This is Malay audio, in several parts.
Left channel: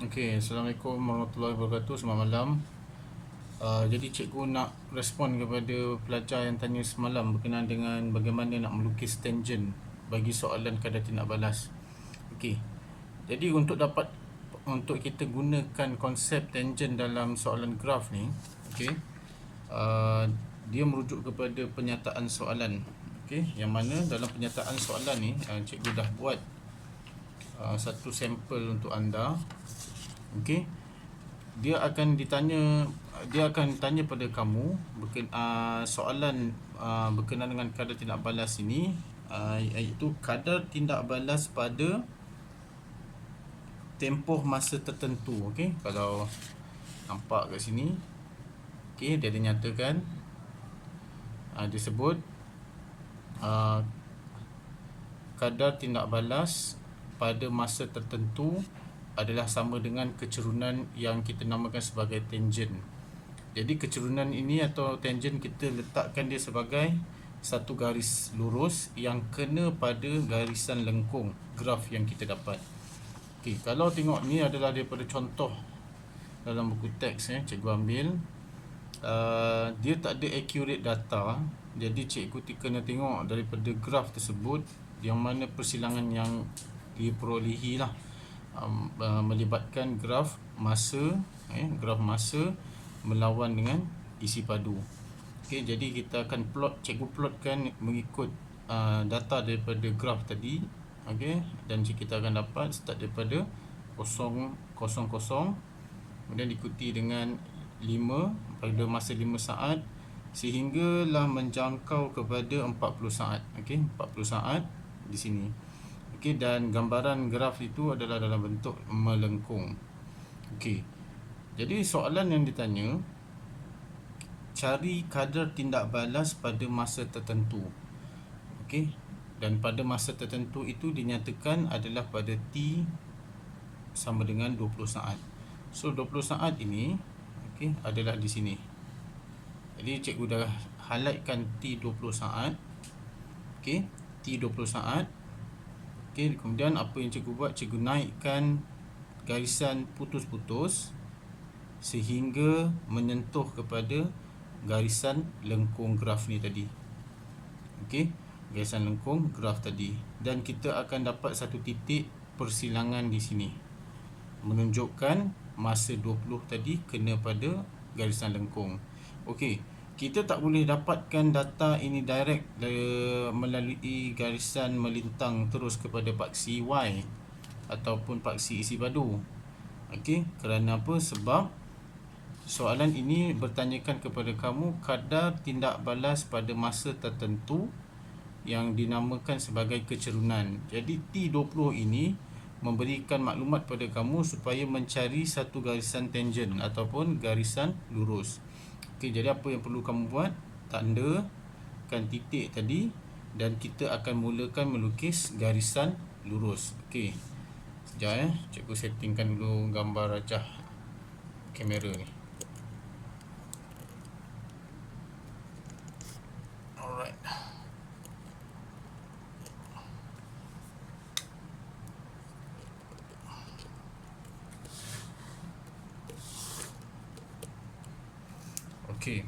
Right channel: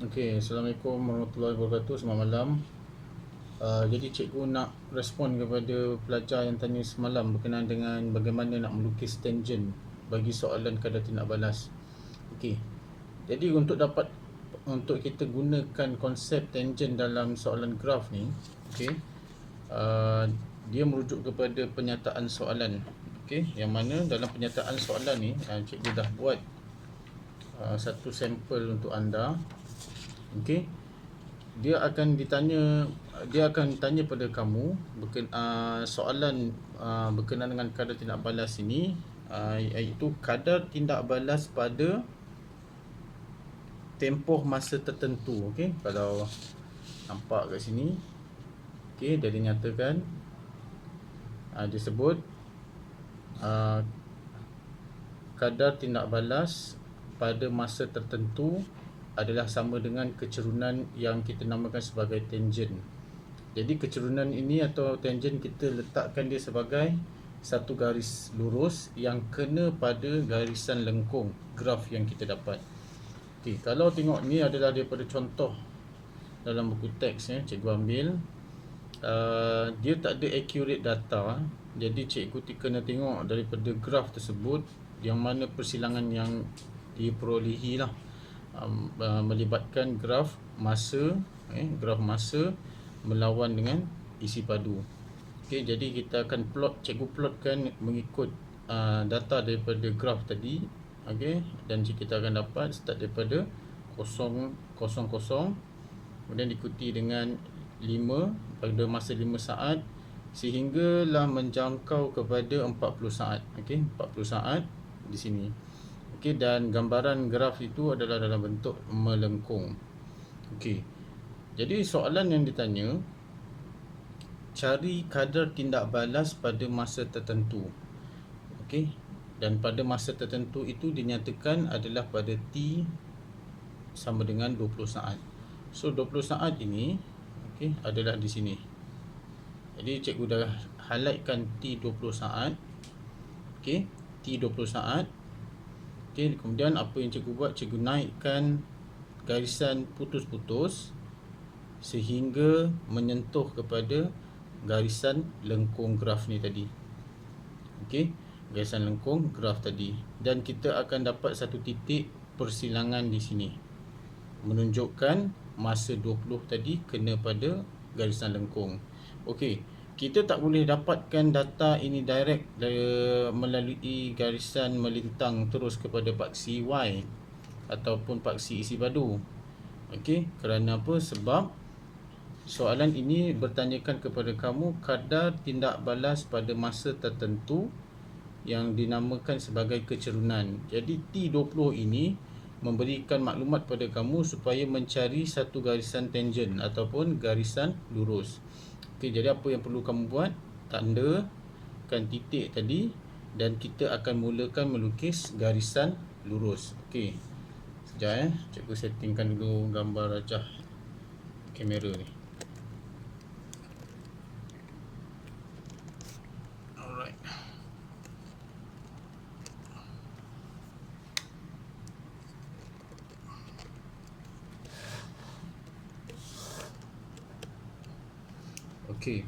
Okey, Assalamualaikum warahmatullahi wabarakatuh. Selamat malam. Jadi cikgu nak respon kepada pelajar yang tanya semalam berkenaan dengan bagaimana nak melukis tangent bagi soalan kadar tindak balas. Okey. Jadi untuk kita gunakan konsep tangent dalam soalan graf ni, okey. Dia merujuk kepada penyataan soalan. Okey, yang mana dalam penyataan soalan ni cikgu dah buat satu sampel untuk anda. Okey, dia akan tanya pada kamu soalan berkenaan dengan kadar tindak balas ini, iaitu kadar tindak balas pada tempoh masa tertentu. Okey, kalau nampak kat sini, okey, dia dinyatakan, disebut kadar tindak balas pada masa tertentu adalah sama dengan kecerunan yang kita namakan sebagai tangent. Jadi kecerunan ini atau tangent kita letakkan dia sebagai satu garis lurus yang kena pada garisan lengkung graf yang kita dapat. Okey, kalau tengok ni adalah daripada contoh dalam buku teks cikgu ambil. Dia tak ada accurate data. Jadi cikgu kena tengok daripada graf tersebut yang mana persilangan yang diperolehi lah. Melibatkan graf masa melawan dengan isi padu. Okey, jadi kita akan cikgu plotkan mengikut data daripada graf tadi. Okey, dan kita akan dapat start daripada 0, 0, 0, kemudian diikuti dengan 5 pada masa 5 saat sehinggalah menjangkau kepada 40 saat. Okey, 40 saat di sini. Okey, dan gambaran graf itu adalah dalam bentuk melengkung. Okey, jadi soalan yang ditanya, cari kadar tindak balas pada masa tertentu. Okey, dan pada masa tertentu itu dinyatakan adalah pada T sama dengan 20 saat. So 20 saat ini, okey, adalah di sini. Jadi cikgu dah highlightkan T 20 saat. Okey, T 20 saat. Okey, kemudian apa yang cikgu buat, cikgu naikkan garisan putus-putus sehingga menyentuh kepada garisan lengkung graf ni tadi. Okey, garisan lengkung graf tadi, dan kita akan dapat satu titik persilangan di sini menunjukkan masa 20 tadi kena pada garisan lengkung. Okey, kita tak boleh dapatkan data ini direct melalui garisan melintang terus kepada paksi Y ataupun paksi isi padu. Okey, kerana apa? Sebab soalan ini bertanyakan kepada kamu kadar tindak balas pada masa tertentu yang dinamakan sebagai kecerunan. Jadi T20 ini memberikan maklumat pada kamu supaya mencari satu garisan tangent ataupun garisan lurus. Okey, jadi apa yang perlu kamu buat? Tandakan titik tadi dan kita akan mulakan melukis garisan lurus. Okey, sekejap cikgu settingkan dulu gambar rajah kamera ni. Alright. Okey.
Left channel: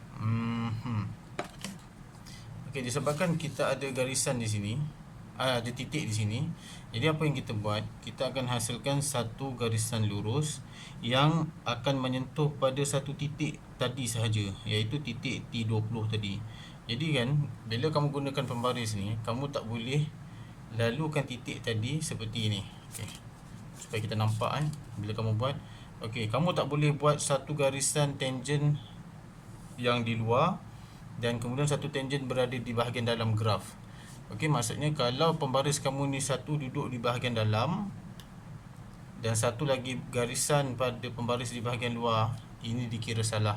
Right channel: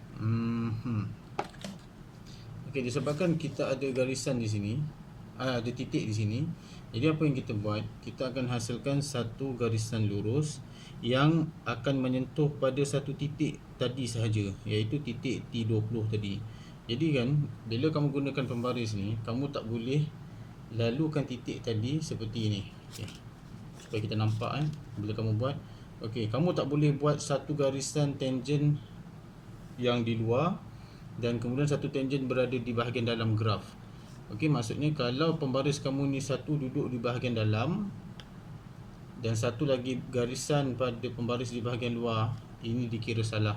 Okey, disebabkan kita ada garisan di sini, ada titik di sini. Jadi apa yang kita buat? Kita akan hasilkan satu garisan lurus yang akan menyentuh pada satu titik tadi sahaja, iaitu titik T20 tadi. Jadi kan, bila kamu gunakan pembaris ni, kamu tak boleh lalukan titik tadi seperti ini. Okey, supaya kita nampak bila kamu buat. Okey, kamu tak boleh buat satu garisan tangent yang di luar dan kemudian satu tangent berada di bahagian dalam graf. Okey, maksudnya kalau pembaris kamu ni satu duduk di bahagian dalam dan satu lagi garisan pada pembaris di bahagian luar, ini dikira salah.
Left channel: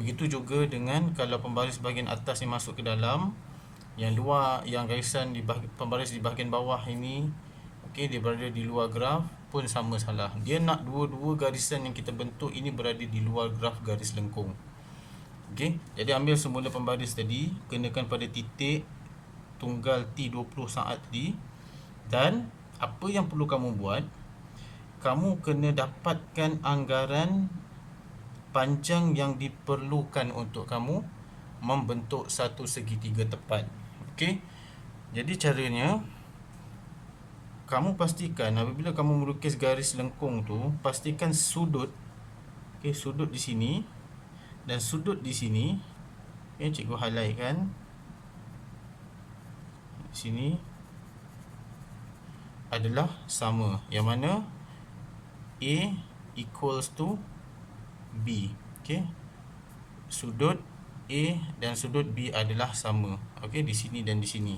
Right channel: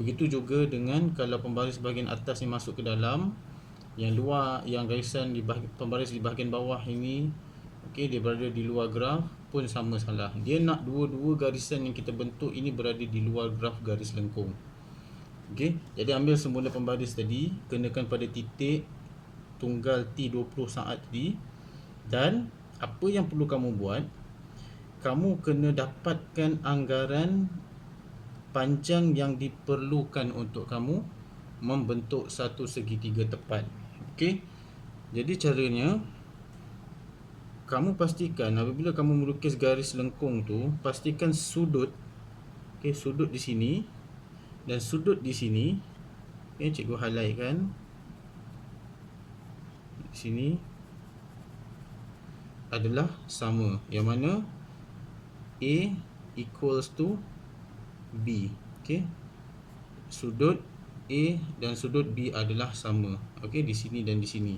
Begitu juga dengan kalau pembaris bahagian atas ni masuk ke dalam, yang luar, yang garisan di pembaris di bahagian bawah ini, okey, dia berada di luar graf, pun sama salah. Dia nak dua-dua garisan yang kita bentuk ini berada di luar graf garis lengkung. Okey, jadi ambil semula pembaris tadi, kenakan pada titik tunggal T20 saat tadi, dan apa yang perlu kamu buat, kamu kena dapatkan anggaran panjang yang diperlukan untuk kamu membentuk satu segitiga tepat. Okey. Jadi caranya, kamu pastikan apabila kamu melukis garis lengkung tu, pastikan sudut, okey, sudut di sini dan sudut di sini, okey, cikgu highlight kan di sini adalah sama, yang mana A equals to B. Okey. Sudut A dan sudut B adalah sama. Okey, di sini dan di sini.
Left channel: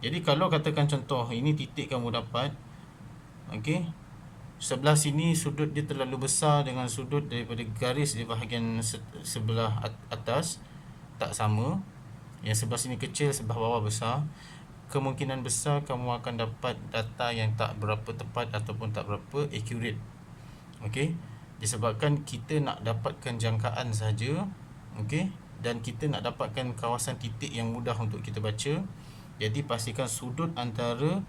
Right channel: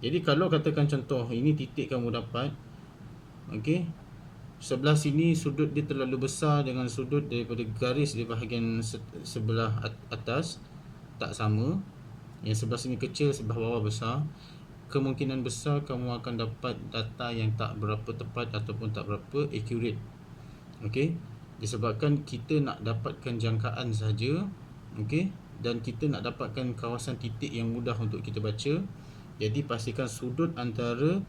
Jadi kalau katakan contoh ini titik kamu dapat, okey, sebelah sini sudut dia terlalu besar dengan sudut daripada garis di bahagian sebelah atas tak sama. Yang sebelah sini kecil, sebelah bawah besar. Kemungkinan besar kamu akan dapat data yang tak berapa tepat ataupun tak berapa accurate. Okey, disebabkan kita nak dapatkan jangkaan saja, okey, dan kita nak dapatkan kawasan titik yang mudah untuk kita baca. Jadi pastikan sudut antara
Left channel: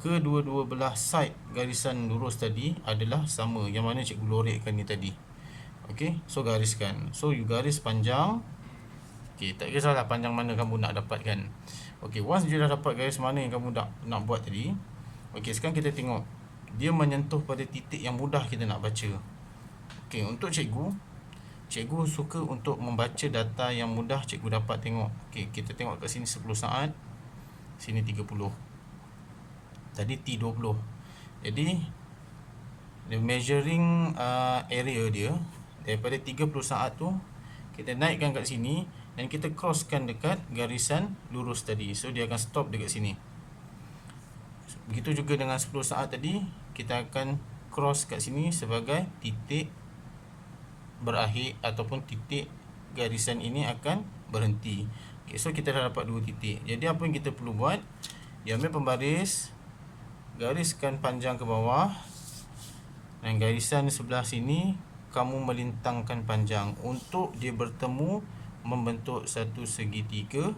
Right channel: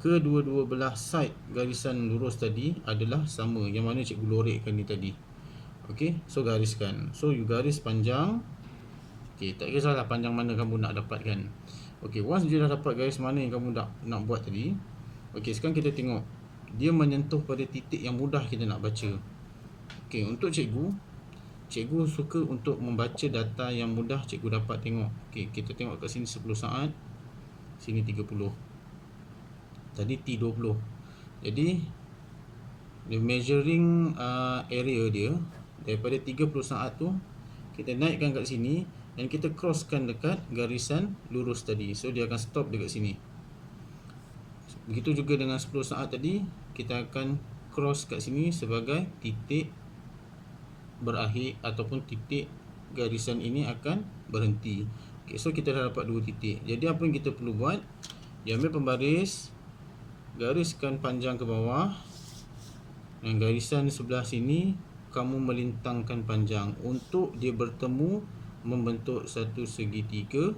kedua-dua belah side garisan lurus tadi adalah sama, yang mana cikgu lorekkan ni tadi. Okey, so gariskan. So you garis panjang. Okey, tak kisahlah panjang mana kamu nak dapatkan. Okey, once you dah dapat garis mana yang kamu nak buat tadi. Okey, sekarang kita tengok dia menyentuh pada titik yang mudah kita nak baca. Okey, untuk cikgu suka untuk membaca data yang mudah cikgu dapat tengok. Okey, kita tengok kat sini 10 saat, sini 30. Tadi T20. Jadi the measuring area dia daripada 30 saat tu kita naikkan kat sini dan kita crosskan dekat garisan lurus tadi. So dia akan stop dekat sini. Begitu juga dengan 10 saat tadi, kita akan cross kat sini sebagai titik berakhir ataupun titik garisan ini akan berhenti. Okay, so kita dah dapat dua titik. Jadi apa yang kita perlu buat, dia ambil pembaris, gariskan panjang ke bawah, dan garisan sebelah sini kamu melintangkan panjang untuk dia bertemu membentuk satu segitiga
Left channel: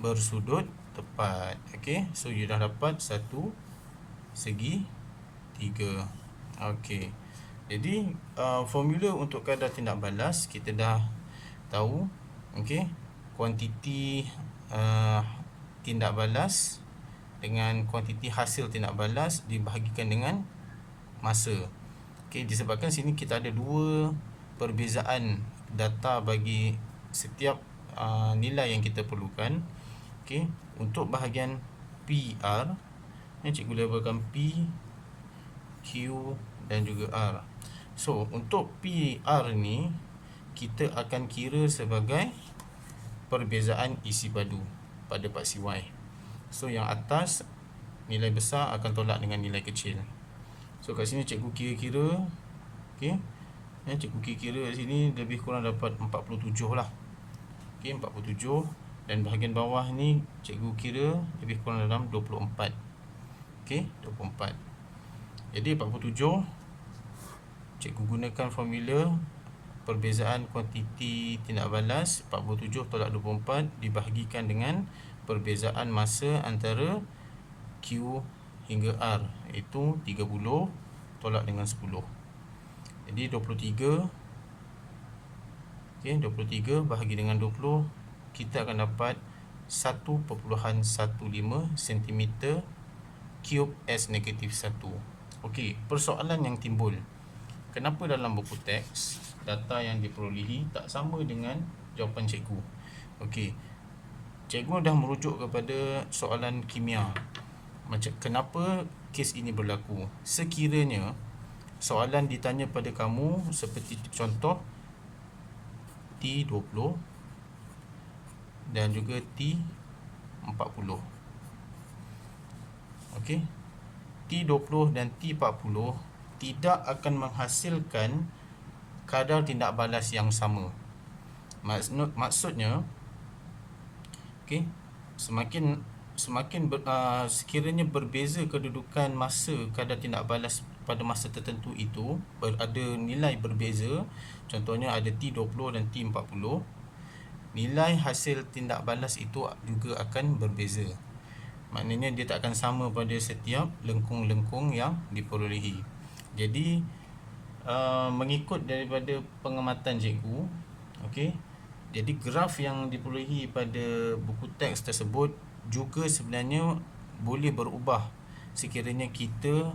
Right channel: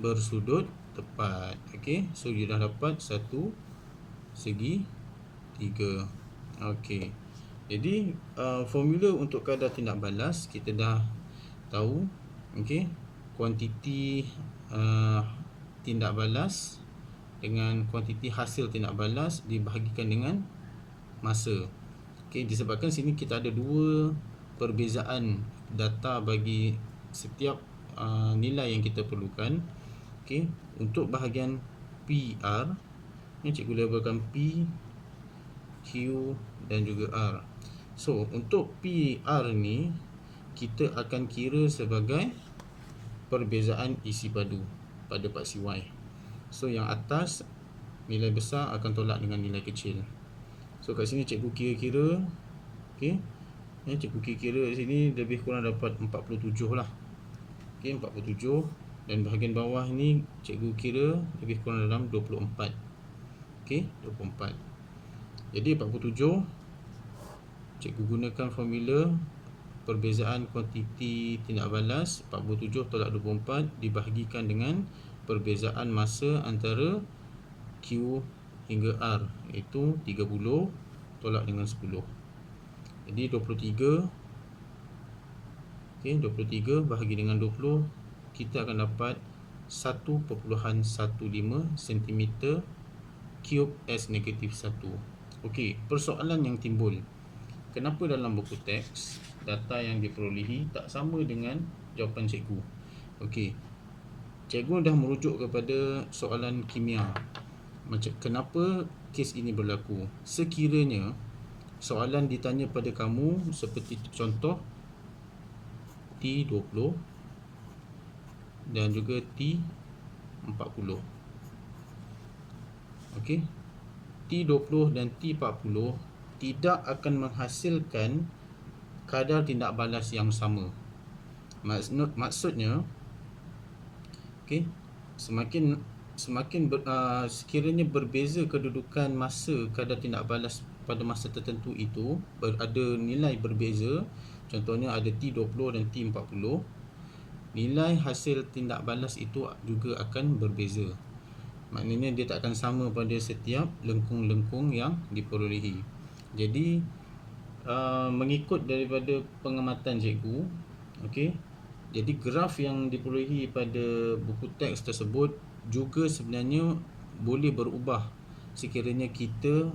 bersudut tepat. Okey, so you dah dapat satu segitiga. Okey, jadi formula untuk kadar tindak balas kita dah tahu. Okey, kuantiti tindak balas dengan kuantiti hasil tindak balas dibahagikan dengan masa. Okey, disebabkan sini kita ada dua perbezaan data bagi setiap nilai yang kita perlukan. Okey, untuk bahagian PR yang cikgu labelkan P, Q dan juga R. So untuk PR ni kita akan kira sebagai perbezaan isi padu pada paksi Y. So yang atas nilai besar akan tolak dengan nilai kecil. So kat sini cikgu kira-kira, okey, ya, cikgu kira-kira kat sini lebih kurang dapat 47 lah. Okey, 47, dan bahagian bawah ni cikgu kira lebih kurang dalam 24. Okey, 24. Jadi 47 cikgu gunakan formula perbezaan kuantiti tindak balas 47 tolak 24 dibahagikan dengan perbezaan masa antara Q hingga R, iaitu 30 tolak dengan 10. Jadi 23, okey, 23 bahagi dengan 20, kita akan dapat 1.15 cm cube S negatif 1. Okey, persoalan yang timbul, kenapa dalam buku teks data yang diperolehi tak sama dengan jawapan cikgu? Okey, cikgu dah merujuk kepada soalan kimia. Macam kenapa kes ini berlaku? Sekiranya soalan ditanya pada kamu seperti contoh T20 dan juga T40. Okey, T20 dan T40 tidak akan menghasilkan kadar tindak balas yang sama. Maksudnya, okey, sekiranya berbeza kedudukan masa kadar tindak balas pada masa tertentu itu, ada nilai berbeza, contohnya ada T20 dan T40, nilai hasil tindak balas itu juga akan berbeza. Maknanya dia tak akan sama pada setiap lengkung-lengkung yang diperolehi. Jadi mengikut daripada pengamatan cikgu, okey, jadi graf yang diperolehi pada buku teks tersebut juga sebenarnya boleh berubah sekiranya kita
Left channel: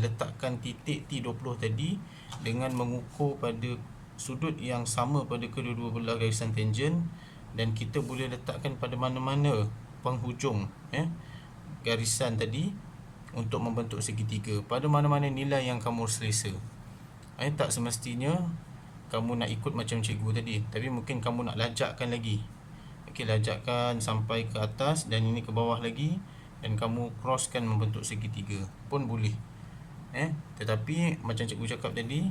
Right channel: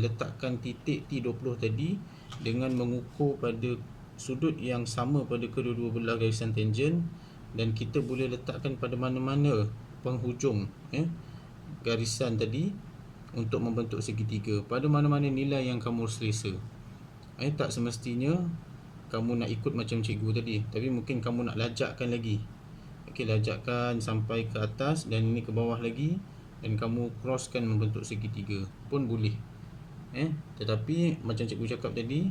letakkan titik T20 tadi dengan mengukur pada sudut yang sama pada kedua-dua belah garisan tangen, dan kita boleh letakkan pada mana-mana penghujung garisan tadi untuk membentuk segitiga pada mana-mana nilai yang kamu selesa. Tak semestinya kamu nak ikut macam cikgu tadi, tapi mungkin kamu nak lajakkan lagi. Okey, lajakkan sampai ke atas dan ini ke bawah lagi, dan kamu crosskan membentuk segitiga pun boleh. Tetapi macam cikgu cakap tadi,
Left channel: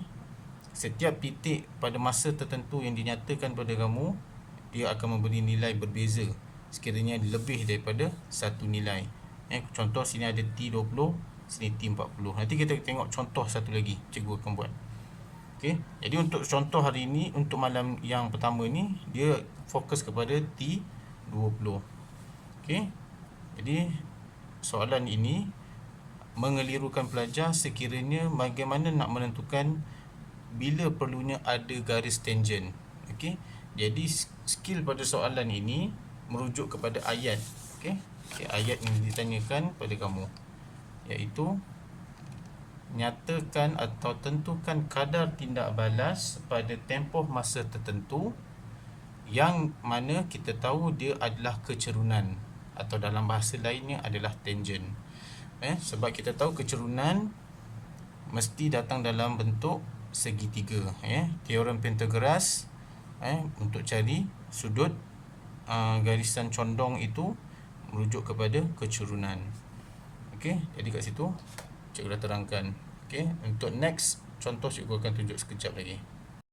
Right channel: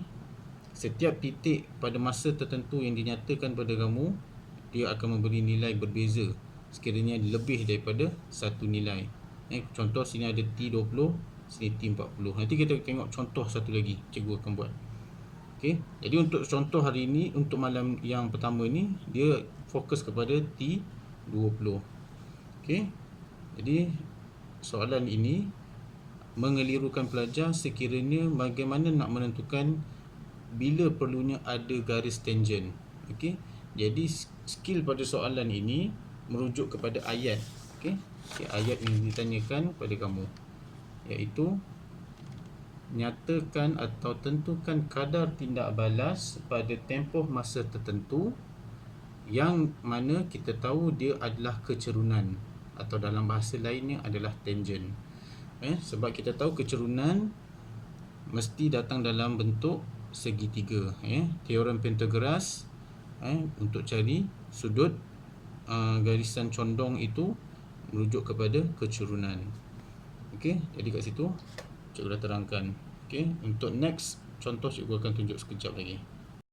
setiap titik pada masa tertentu yang dinyatakan pada kamu, dia akan memberi nilai berbeza sekiranya lebih daripada satu nilai. Contoh sini ada T20, sini T40. Nanti kita tengok contoh satu lagi cikgu akan buat. Okey, jadi untuk contoh hari ini, untuk malam yang pertama ni, dia fokus kepada T20. Okey, jadi soalan ini mengelirukan pelajar sekiranya bagaimana nak menentukan bila perlunya ada garis tangen. Okey, jadi skill pada soalan ini merujuk kepada ayat. Okey, ayat yang ditanyakan pada kamu, iaitu nyatakan atau tentukan kadar tindak balas pada tempoh masa tertentu yang mana kita tahu dia adalah kecerunan, atau dalam bahasa lainnya adalah tangen. Sebab kita tahu kecerunan mesti datang dalam bentuk segitiga. Teorem Pythagoras untuk cari sudut garisan condong itu merujuk kepada kecerunan. Okey, jadi kat situ cikgu dah terangkan. Okey, untuk next contoh cikgu akan tunjuk sekejap lagi.